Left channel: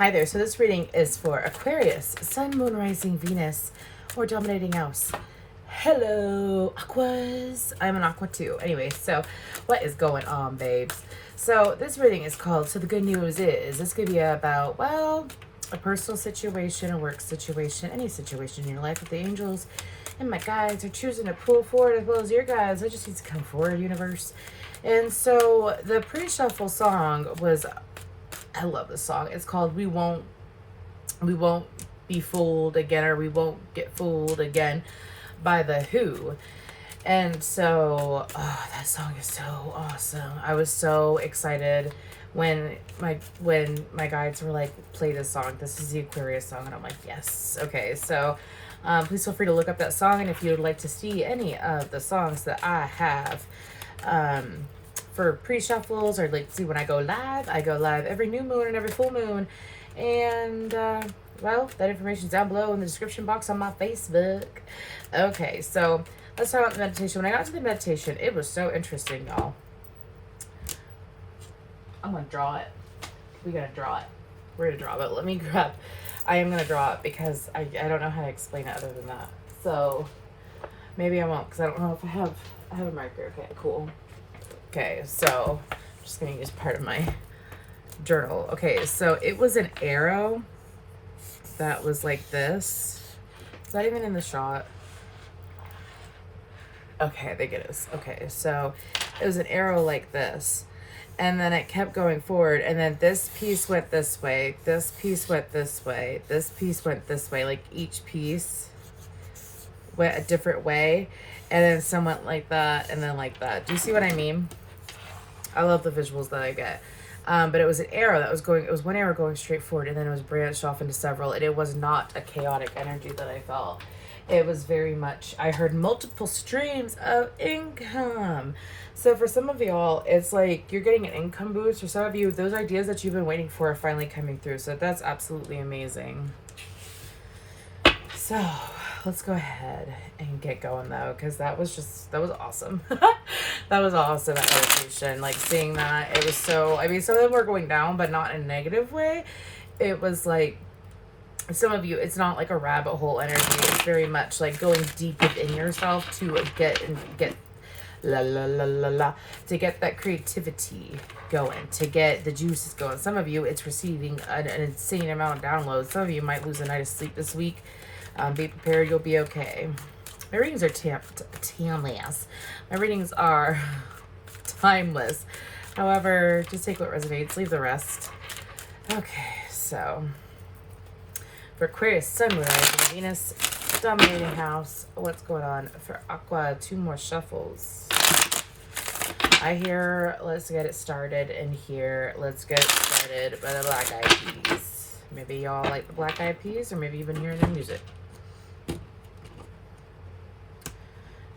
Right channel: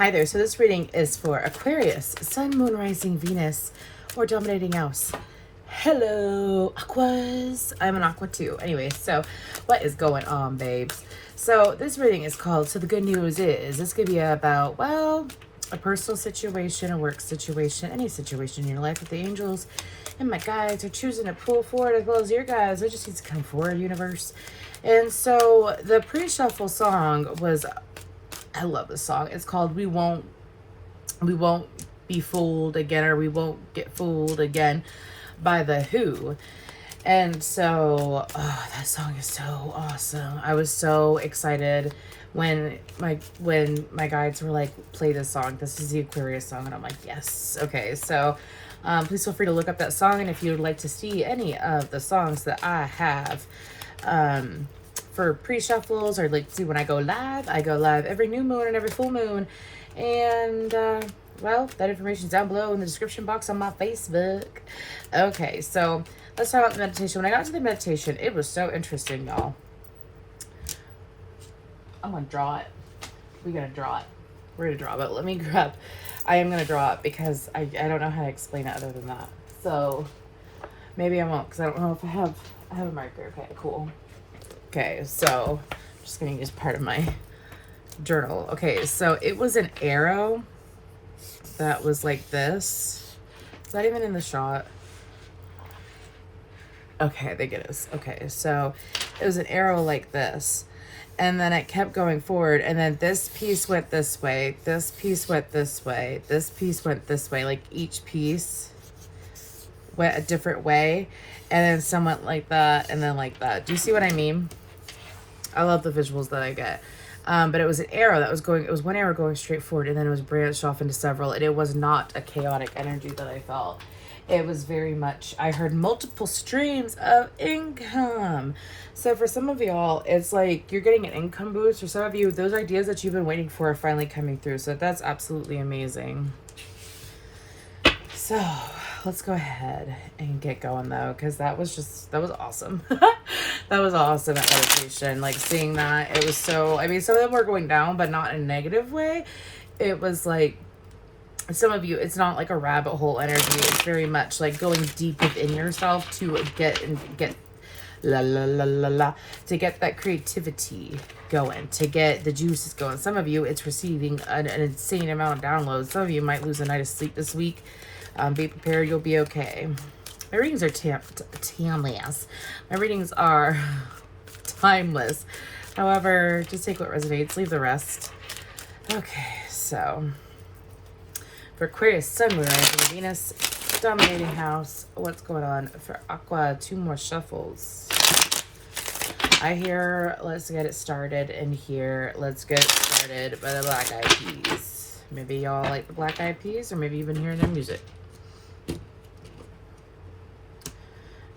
Hi there. So this reading is for Aquarius, Sun, Moon, Rising, Venus, or Dominating House. Hello, Aquas. I'm an Aqua too. Anyway, so what is going on, babes? So this reading is called, so the good news is, this could be about, well, a personal situation, a work situation, any situation in your life with the angels and my guides are choosing to pull forward, as well as your guides. It just needs to come forward, universe. And so the pre-shuffle song was, I love this song. It's called We Won't Be Fooled Again, or We Won't Get Fooled Again by The Who. And so, that song is so awesome. I was so excited when my guides were like, play this song. This is the Aquarius song. And I'm like, yes. Okay, so please feel free to look up that song. And if you would like to see any of the songs that I have for pre-shuffles, or like to see when I go live every new moon and every full moon. And well, that information's down below in the description box on my Facebook. Okay, so let's talk about the meditation. When I got to the meditation, it was so interesting, y'all. I'm gonna draw it. We're gonna draw it. We're gonna draw it. Let me grab. I am gonna draw it because I don't know how to explain it other than that. So maybe I won't, because I don't know if I have a marker. Okay, cool. Okay, so I'm just gonna use part of my journal. Okay, so it was an arrow that was like this. Is that even in the shot? Okay, I think it is. Okay, so it was an arrow like this. And then it kept going forward. And then this piece went this way. This piece went this way. This piece went this way. Like each piece went a different way. And then some went like that and then like that. Do you see what I mean? I love the visuals that I get. But it was an arrow that was going, it was one arrow going straight forward, and then it was branched off into several, and it was not a chaotic energy that I felt. It was very much, I heard multiple streams of income. So for some of y'all, it's like you're getting an income boost. For some of you, those ideas that you've been waiting for are finally coming through. So that's absolutely amazing. So let's go ahead and get going though, because that was awesome. That was awesome at meditation. Like seeing that, it was so, I mean, some of them were going down, but not in a negative way. It was like, some of you, it's not like a rabbit hole energy. It's very much like going deep within yourself to get to get that creativity going, to get the juices going. Some of you, it's receiving an insane amount of downloads. Some of you might lose a night of sleep this week. Be prepared, you'll be okay. My readings are timeless. My readings are timeless. However, just take what resonates, leave the rest. Okay, so for Aquarius, Sun, Moon, Rising, Venus, Dominating House, what's going on? For Aqua, 2 more shuffles. I hear, let's get it started, and here, let's get it started by the Black Eyed Peas. Maybe y'all like the Black Eyed Peas, or maybe you've been hearing their music.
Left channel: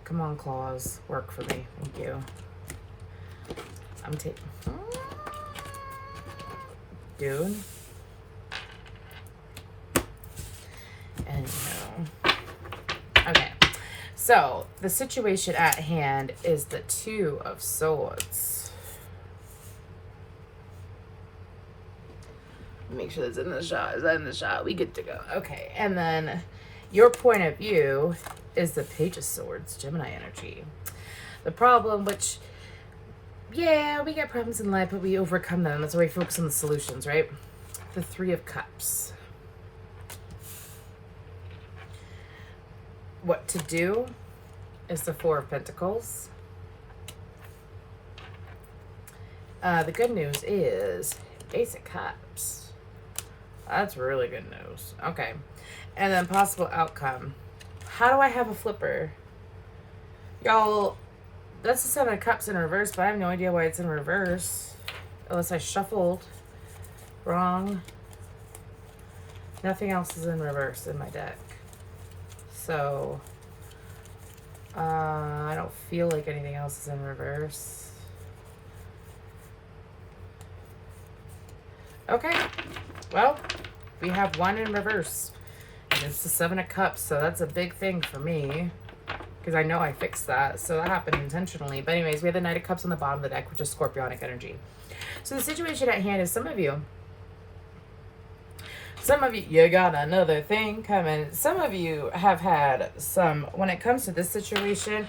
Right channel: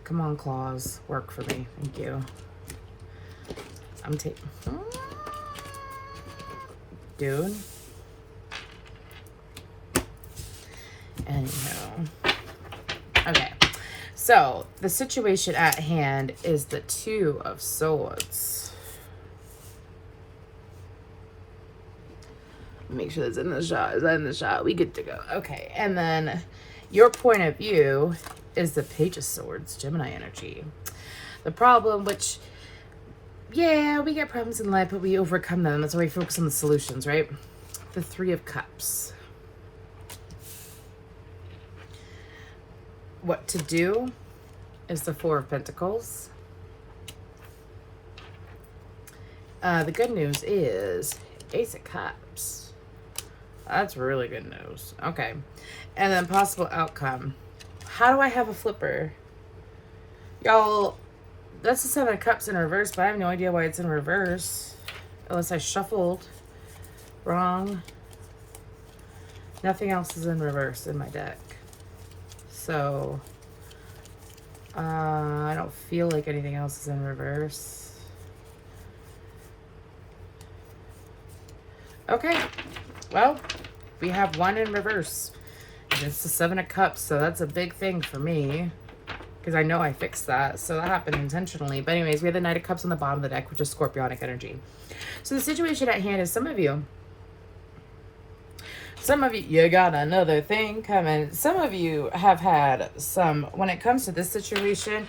Come on, claws, work for me. Thank you. I'm taking, dude. And no. Okay, so the situation at hand is the 2 of Swords. Make sure that's in the shot. Is that in the shot? We good to go. Okay, and then your point of view is the Page of Swords, Gemini energy. The problem, which, yeah, we get problems in life, but we overcome them. That's why we focus on the solutions, right? The 3 of Cups. What to do is the 4 of Pentacles. The good news is Ace of Cups. That's really good news. Okay. And then possible outcome. How do I have a flipper? Y'all, that's the 7 of Cups in reverse, but I have no idea why it's in reverse. Unless I shuffled wrong. Nothing else is in reverse in my deck. So, I don't feel like anything else is in reverse. Okay, well, we have 1 in reverse. It's the 7 of Cups, so that's a big thing for me, because I know I fixed that, so that happened intentionally. But anyways, we have the Knight of Cups on the bottom of the deck, which is Scorpionic energy. So the situation at hand is some of you Some of you got another thing coming. Some of you have had some, when it comes to this situation,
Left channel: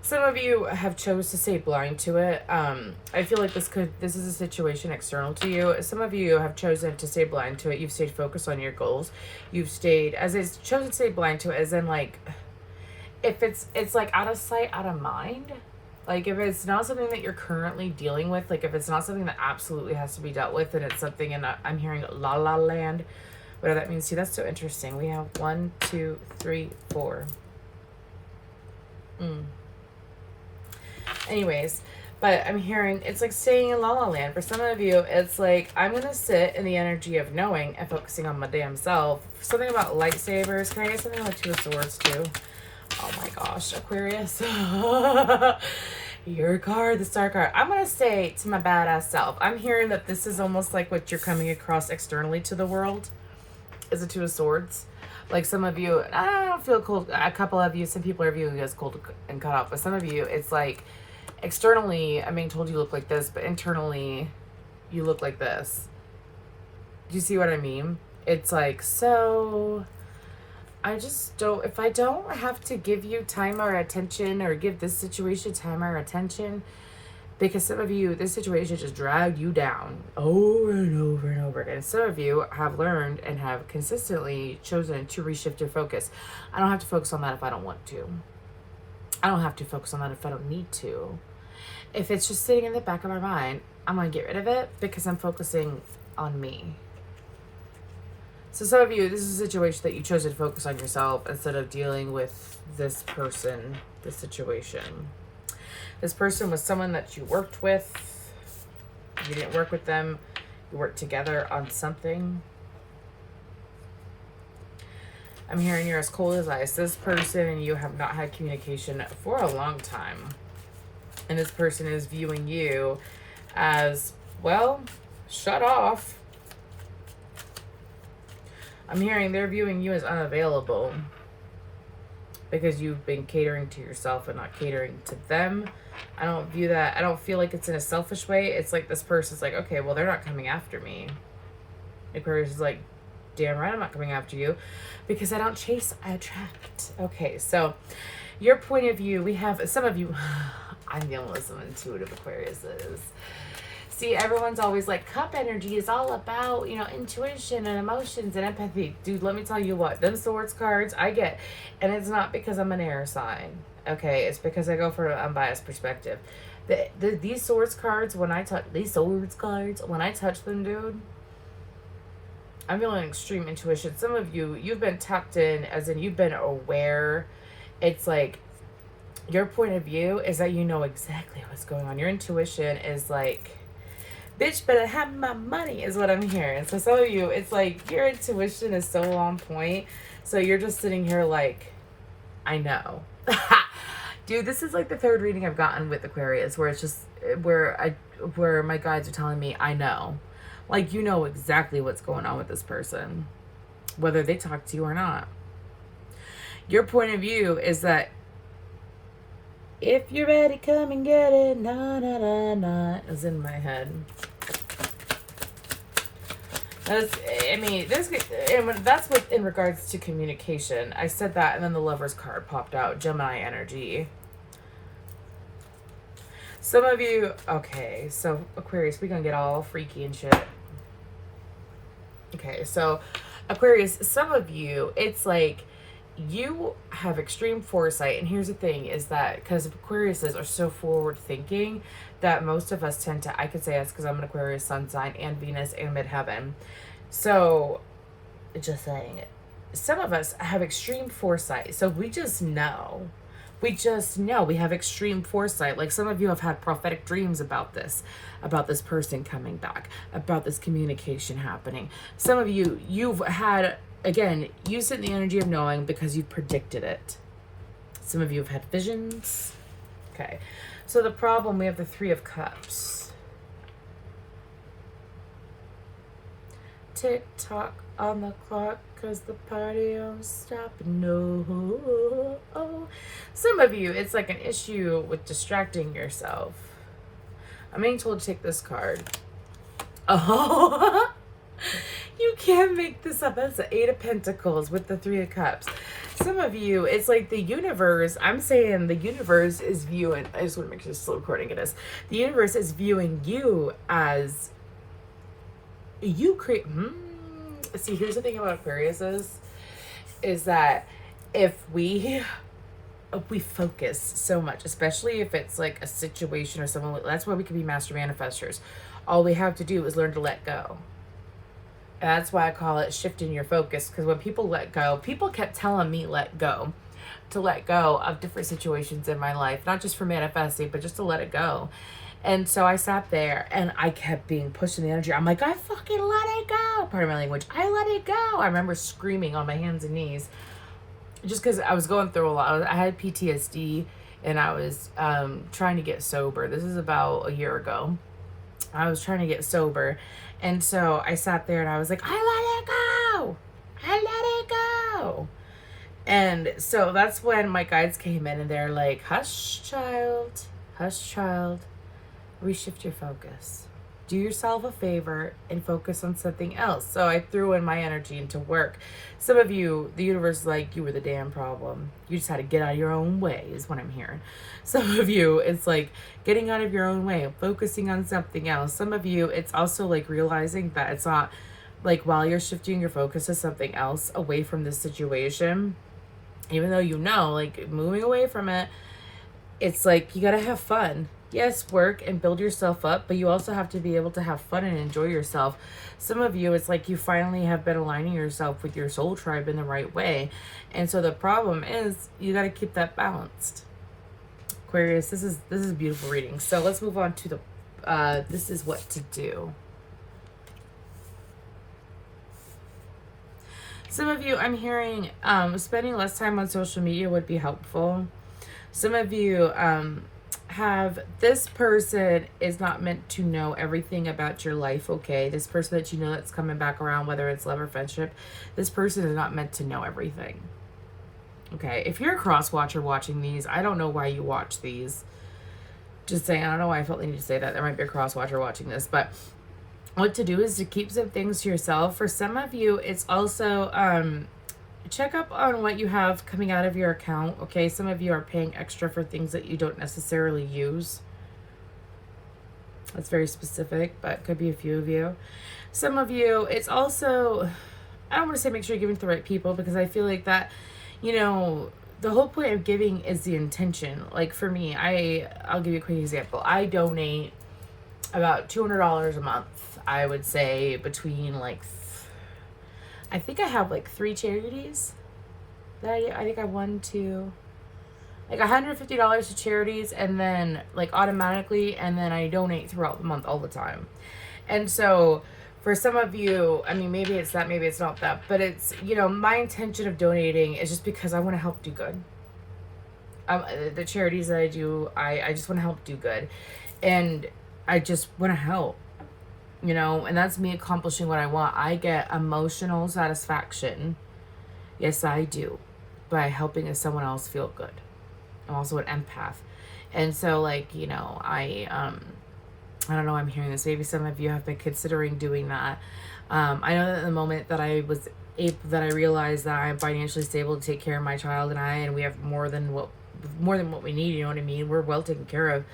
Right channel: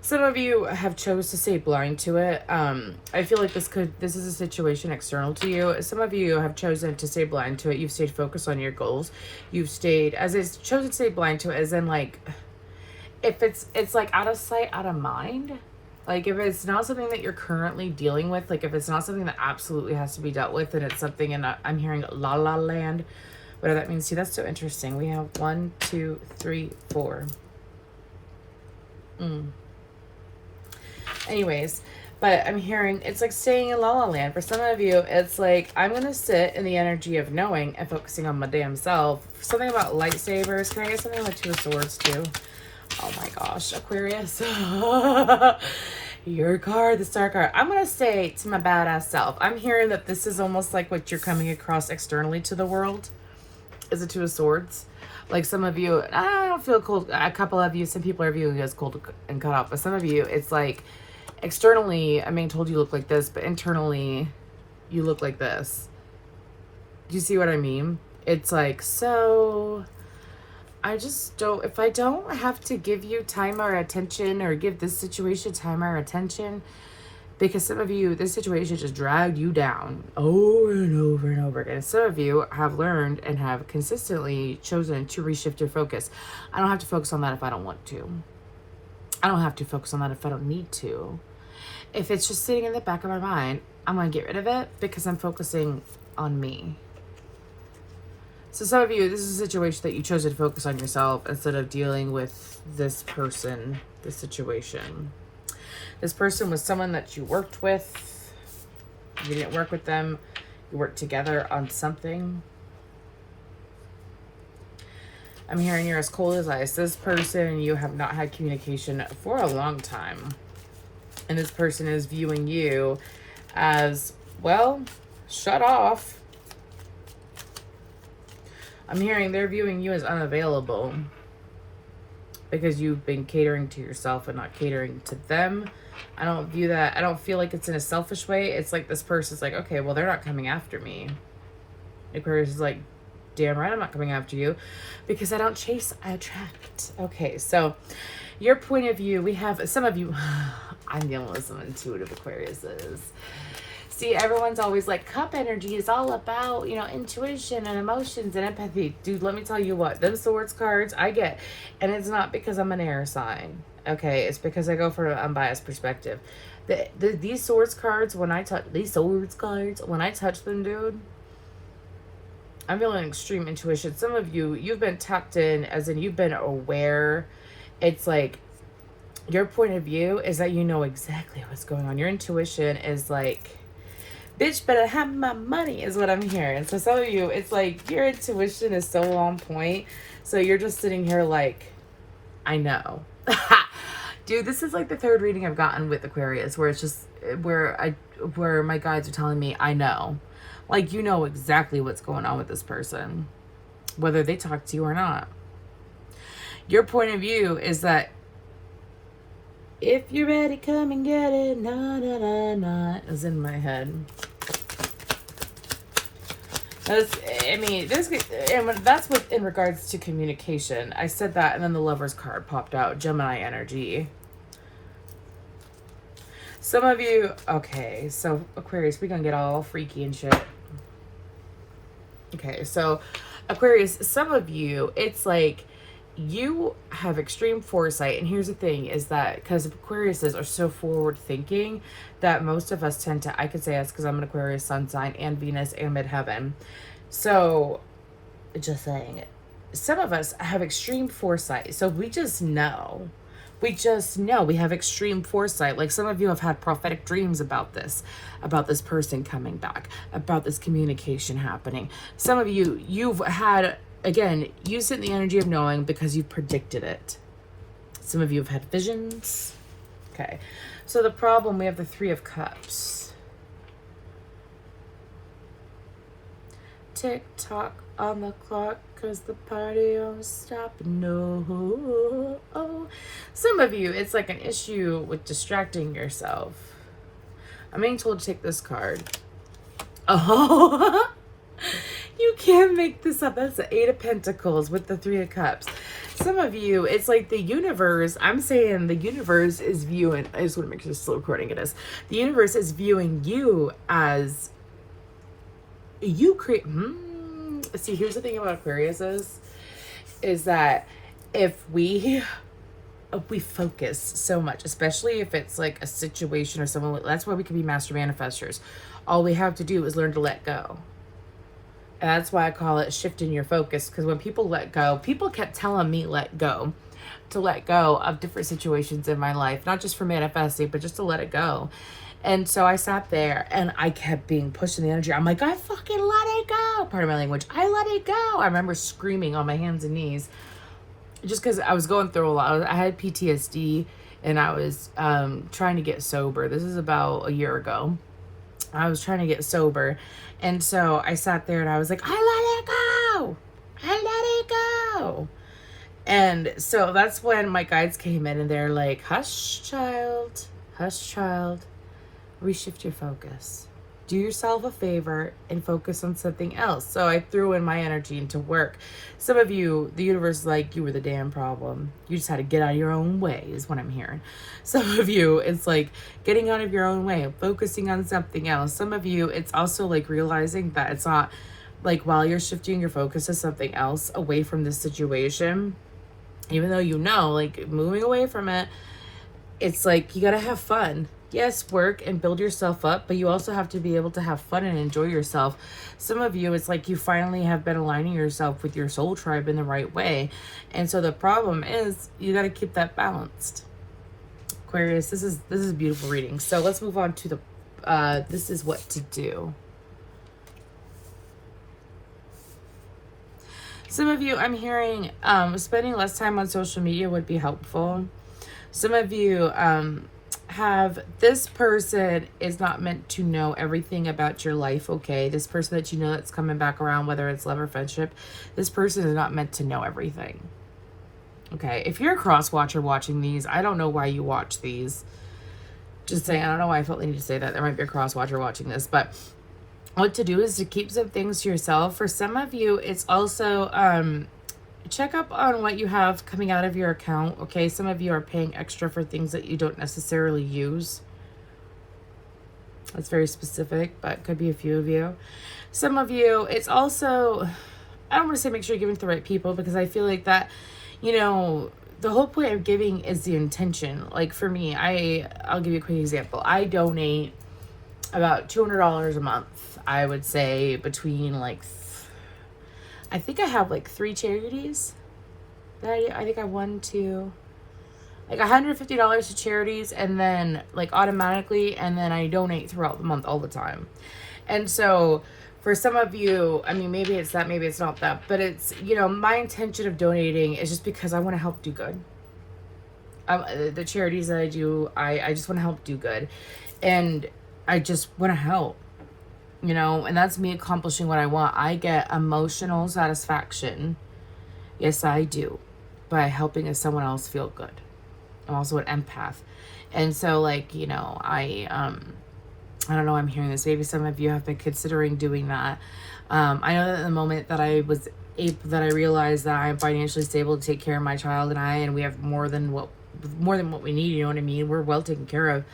some of you have chose to stay blind to it. I feel like this is a situation external to you. Some of you have chosen to stay blind to it. You've stayed focused on your goals. You've stayed, as it's chosen to stay blind to it, as in like, if it's like out of sight, out of mind. Like if it's not something that you're currently dealing with, like if it's not something that absolutely has to be dealt with, and it's something, and I'm hearing la la land, whatever that means. See, that's so interesting. We have 1, 2, 3, 4. Anyways, but I'm hearing it's like staying in La La Land. For some of you, it's like, I'm going to sit in the energy of knowing and focusing on my damn self. Something about lightsabers. Can I get something with 2 of swords too? Oh my gosh, Aquarius. Your card, the star card. I'm going to say to my badass self, I'm hearing that this is almost like what you're coming across externally to the world is the 2 of swords. Like some of you, I don't feel cold. A couple of you, some people are viewing you as cold and cut off. But some of you, it's like externally, I'm being told you look like this, but internally, you look like this. Do you see what I mean? It's like, so I just don't, if I don't have to give you time or attention, or give this situation time or attention, because some of you, this situation just dragged you down over and over and over again. Some of you have learned and have consistently chosen to reshift your focus. I don't have to focus on that if I don't want to. I don't have to focus on that if I don't need to. If it's just sitting in the back of my mind, I'm going to get rid of it because I'm focusing on me. So some of you, this is a situation that you chose to focus on yourself instead of dealing with this person, this situation. This person was someone that you worked with. You didn't work with them. You worked together on something. I'm hearing you're as cold as ice. This person, you have not had communication for a long time. And this person is viewing you as, well, shut off. I'm hearing they're viewing you as unavailable because you've been catering to yourself and not catering to them. I don't view that. I don't feel like it's in a selfish way. It's like this person's like, okay, well, they're not coming after me. The person's like, damn right, I'm not coming after you because I don't chase, I attract. Okay, so your point of view, we have some of you, I'm dealing with some intuitive Aquariuses. See, everyone's always like, cup energy is all about, you know, intuition and emotions and empathy. Dude, let me tell you what, them swords cards I get, and it's not because I'm an air sign, okay? It's because I go from an unbiased perspective. These swords cards, when I touch, when I touch them, dude, I'm feeling extreme intuition. Some of you, you've been tapped in, as in you've been aware. It's like, your point of view is that you know exactly what's going on. Your intuition is like, bitch better have my money, is what I'm hearing. So some of you, it's like your intuition is so on point. So you're just sitting here like, I know. Dude, this is like the 3rd reading I've gotten with Aquarius, where it's just where my guides are telling me, I know. Like, you know exactly what's going on with this person, whether they talk to you or not. Your point of view is that if you're ready, come and get it. Na na na na is in my head. That's what in regards to communication. I said that, and then the Lover's card popped out. Gemini energy. Some of you, okay, so Aquarius, we're gonna get all freaky and shit. Okay, so Aquarius, some of you, it's like you have extreme foresight. And here's the thing is that because Aquariuses are so forward thinking that most of us tend to, I could say us because I'm an Aquarius sun sign and Venus and midheaven. So just saying, some of us have extreme foresight. So we just know. We just know. We have extreme foresight. Like some of you have had prophetic dreams about this person coming back, about this communication happening. Some of you, you've had, again, you sit in the energy of knowing because you've predicted it. Some of you have had visions. Okay. So the problem, we have the 3 of Cups. Tick tock on the clock, cause the party don't stop. No. Some of you, it's like an issue with distracting yourself. I'm being told to take this card. Oh, you You can't make this up. That's the Eight of Pentacles with the Three of Cups. Some of you, it's like the universe, I'm saying the universe is viewing, I just want to make sure this is still recording it is. The universe is viewing you as, you create, see, here's the thing about Aquarius is that if we focus so much, especially if it's like a situation or someone, that's why we can be master manifestors. All we have to do is learn to let go. And that's why I call it shifting your focus. Because when people let go, people kept telling me to let go of different situations in my life, not just for manifesting, but just to let it go. And so I sat there and I kept being pushed in the energy. I'm like, I fucking let it go. Part of my language. I let it go. I remember screaming on my hands and knees just because I was going through a lot. I had PTSD and I was trying to get sober. This is about a year ago. I was trying to get sober. And so I sat there and I was like, I let it go. I let it go. And so that's when my guides came in and they're like, hush, child. Hush, child. Reshift your focus. Do yourself a favor and focus on something else. So I threw in my energy into work. Some of you, the universe is like, you were the damn problem. You just had to get out of your own way is what I'm hearing. Some of you, it's like getting out of your own way, focusing on something else. Some of you, it's also like realizing that it's not like while you're shifting your focus to something else away from this situation, even though you know, like moving away from it, it's like you gotta have fun. Yes, work and build yourself up, but you also have to be able to have fun and enjoy yourself. Some of you, it's like you finally have been aligning yourself with your soul tribe in the right way. And so the problem is you got to keep that balanced. Aquarius, this is a beautiful reading. So let's move on to the, this is what to do. Some of you, I'm hearing, spending less time on social media would be helpful. Some of you, have this person is not meant to know everything about your life, okay? This person that you know that's coming back around, whether it's love or friendship, this person is not meant to know everything, okay? If you're a cross watcher watching these, I don't know why you watch these. Just saying, I don't know why I felt the need to say that. There might be a cross watcher watching this, but what to do is to keep some things to yourself. For some of you, it's also check up on what you have coming out of your account, okay? Some of you are paying extra for things that you don't necessarily use. That's very specific, but could be a few of you. Some of you, it's also, I don't want to say make sure you're giving to the right people, because I feel like that, you know, the whole point of giving is the intention. Like for me, I'll give you a quick example. I donate about $200 a month. I would say between like, I think I have like 3 charities. I think I have like $150 to charities, and then like automatically, and then I donate throughout the month all the time. And so for some of you, I mean, maybe it's that, maybe it's not that, but it's, you know, my intention of donating is just because I want to help do good. The charities that I do, I just want to help do good. And I just want to help. You know, and that's me accomplishing what I want. I get emotional satisfaction. Yes, I do. By helping someone else feel good. I'm also an empath. And so, like, you know, I don't know, I'm hearing this. Maybe some of you have been considering doing that. I know that the moment that I realized that I'm financially stable to take care of my child and we have more than what we need, you know what I mean? We're well taken care of.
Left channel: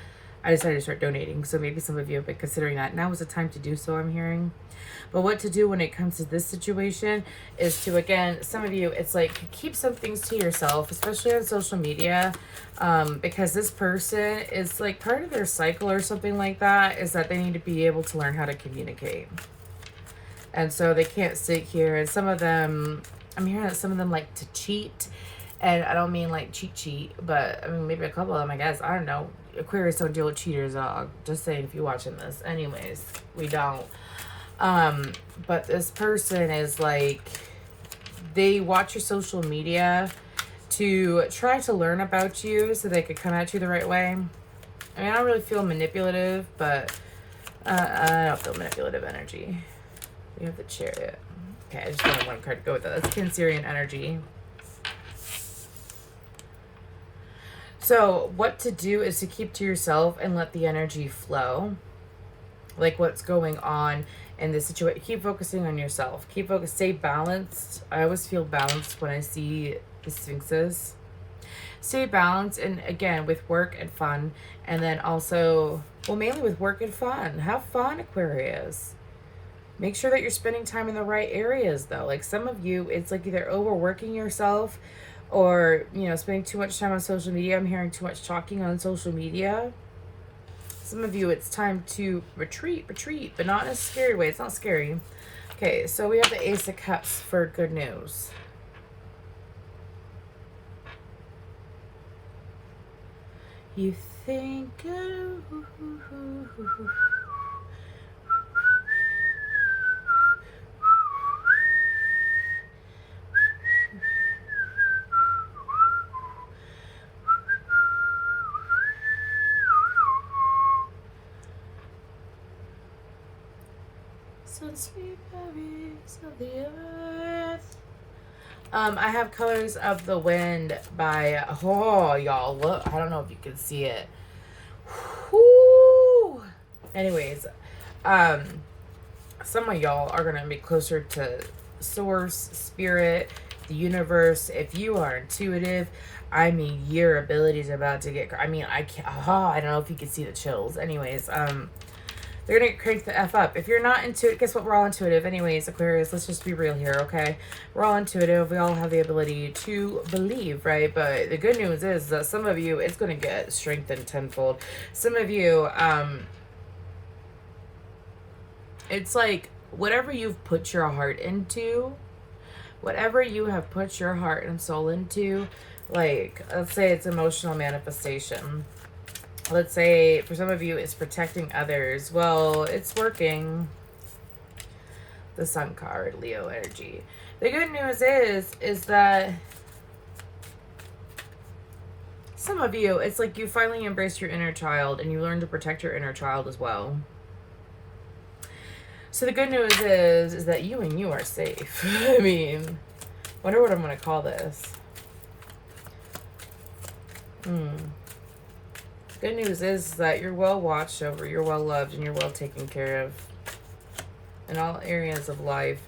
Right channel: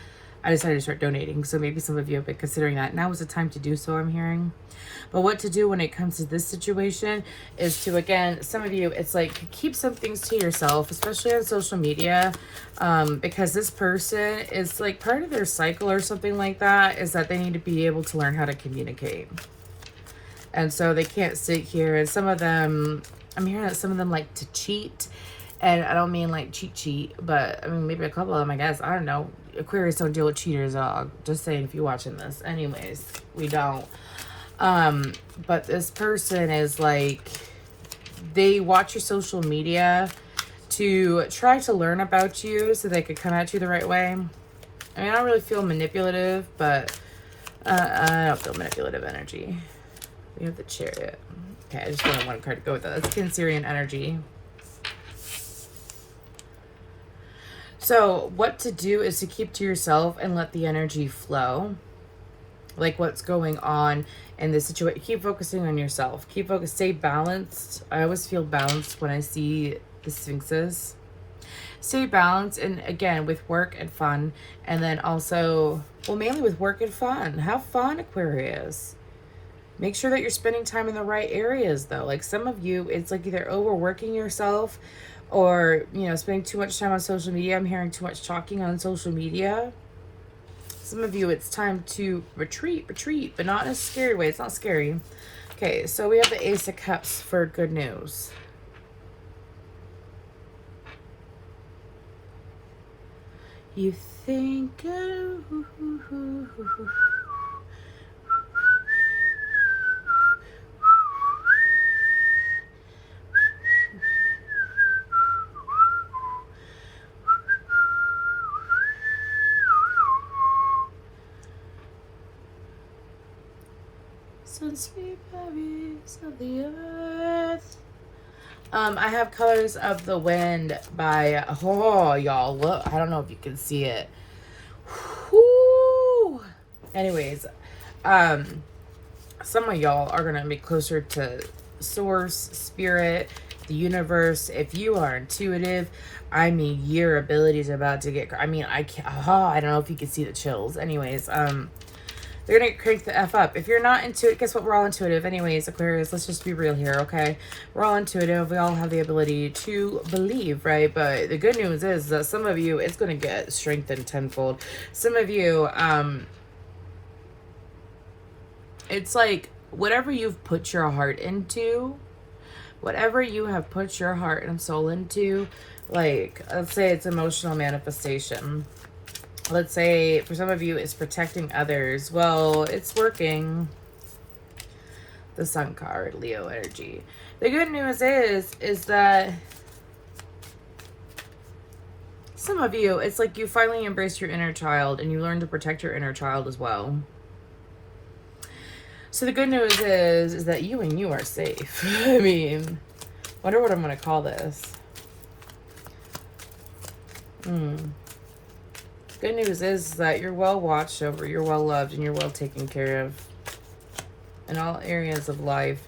I decided to start donating. So maybe some of you have been considering that. Now is the time to do so, I'm hearing. But what to do when it comes to this situation is to, again, some of you, it's like keep some things to yourself, especially on social media, because this person is like part of their cycle or something like that is that they need to be able to learn how to communicate. And so they can't sit here, and some of them, I'm hearing that some of them like to cheat. And I don't mean like cheat, but I mean maybe a couple of them, I guess. I don't know. Aquarius don't deal with cheaters. Just saying if you're watching this. Anyways, we don't. But this person is like, they watch your social media to try to learn about you so they could come at you the right way. I mean, I don't really feel manipulative, but I don't feel manipulative energy. We have the Chariot. Okay, I just want one card to go with that. That's Cancerian energy. So what to do is to keep to yourself and let the energy flow. Like what's going on in this situation. Keep focusing on yourself. Keep focused. Stay balanced. I always feel balanced when I see the Sphinxes. Stay balanced, and again, with work and fun, and then also, well, mainly with work and fun. Have fun, Aquarius. Make sure that you're spending time in the right areas, though. Like some of you, it's like either overworking yourself or, you know, spending too much time on social media. I'm hearing too much talking on social media. Some of you, it's time to retreat, but not in a scary way. It's not scary. Okay, so we have the Ace of Cups for good news. You think since we berries of the earth. I have Colors of the Wind by, oh, y'all, look, I don't know if you can see it. Whoo! Anyways, some of y'all are going to be closer to source, spirit, the universe. If you are intuitive, I mean, your abilities are about to get, I mean, I can't, I don't know if you can see the chills. Anyways, they're going to crank the F up. If you're not intuitive, guess what? We're all intuitive. Anyways, Aquarius, let's just be real here, okay? We're all intuitive. We all have the ability to believe, right? But the good news is that some of you, it's going to get strengthened tenfold. Some of you, it's like whatever you've put your heart into, whatever you have put your heart and soul into, like, let's say it's emotional manifestation. Let's say for some of you it's protecting others. Well, it's working. The Sun card, Leo energy. The good news is that some of you, it's like you finally embrace your inner child and you learn to protect your inner child as well. So the good news is that you and you are safe. I mean, wonder what I'm going to call this. Good news is that you're well watched over, you're well loved, and you're well taken care of in all areas of life.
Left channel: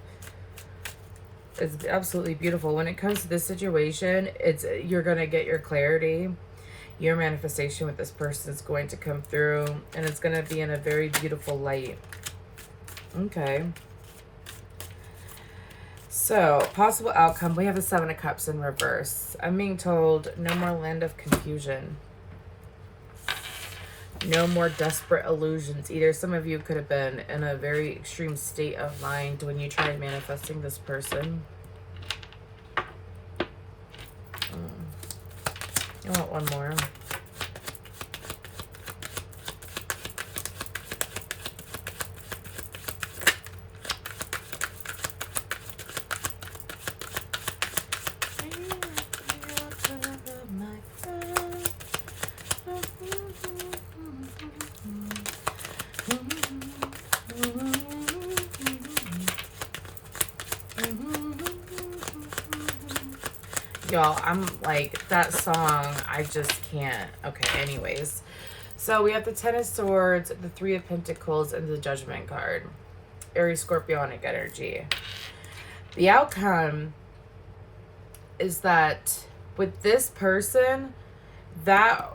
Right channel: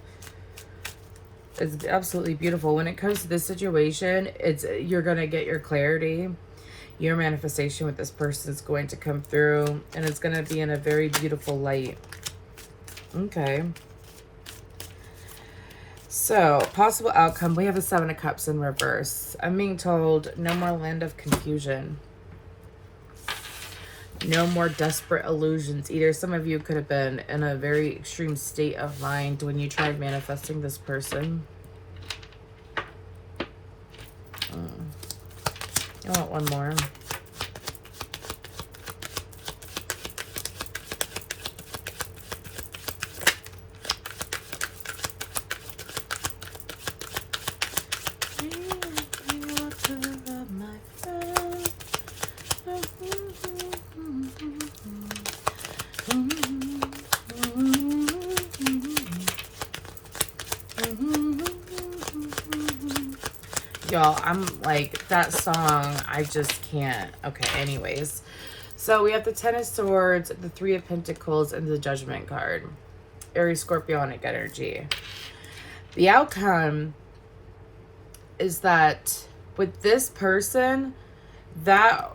It's absolutely beautiful. When it comes to this situation, you're going to get your clarity. Your manifestation with this person is going to come through, and it's going to be in a very beautiful light. Okay. So, possible outcome. We have the Seven of Cups in reverse. I'm being told no more land of confusion. No more desperate illusions. Either some of you could have been in a very extreme state of mind when you tried manifesting this person. I want one more. Y'all, I'm like, that song, I just can't. Okay, anyways. So we have the Ten of Swords, the Three of Pentacles, and the Judgment card. Aries, Scorpionic energy. The outcome is that with this person, that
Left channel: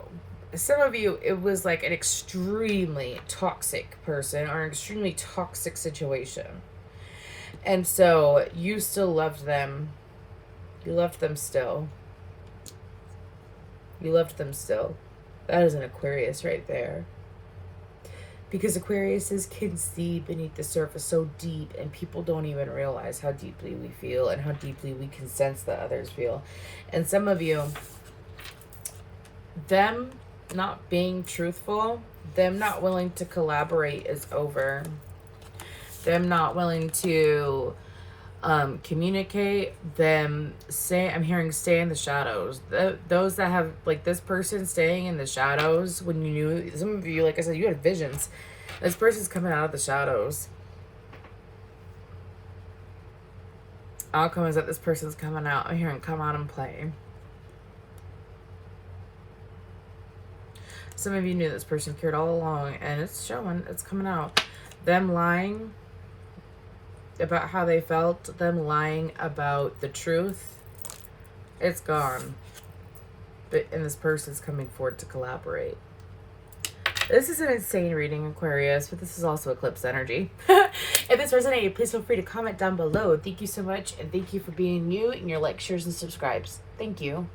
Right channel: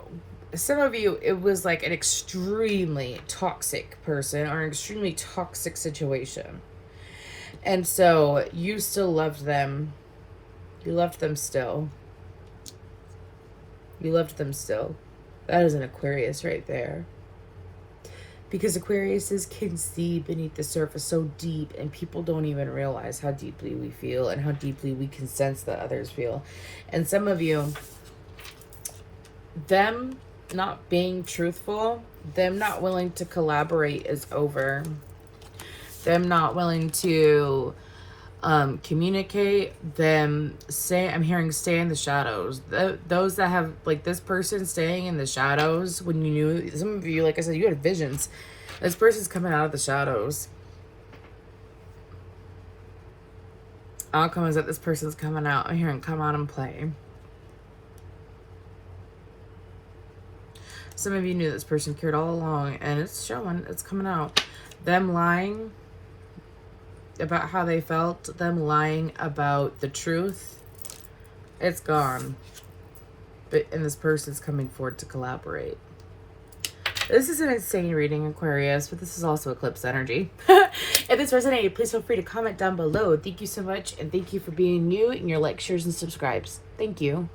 some of you, it was like an extremely toxic person or an extremely toxic situation. And so you still loved them. You loved them still. You loved them still. That is an Aquarius right there. Because Aquariuses can see beneath the surface so deep, and people don't even realize how deeply we feel and how deeply we can sense that others feel. And some of you, them not being truthful, them not willing to collaborate is over. Them not willing to communicate, them say, I'm hearing stay in the shadows. Those that have, like, this person staying in the shadows, when you knew, some of you, like I said, you had visions. This person's coming out of the shadows. Outcome is that this person's coming out. I'm hearing come out and play. Some of you knew this person cared all along, and it's showing, it's coming out. Them lying, about how they felt, them lying about the truth, it's gone. And this person's coming forward to collaborate. This is an insane reading, Aquarius, but this is also eclipse energy. If this resonated, please feel free to comment down below. Thank you so much, and thank you for being new in your likes, shares, and subscribes. Thank you.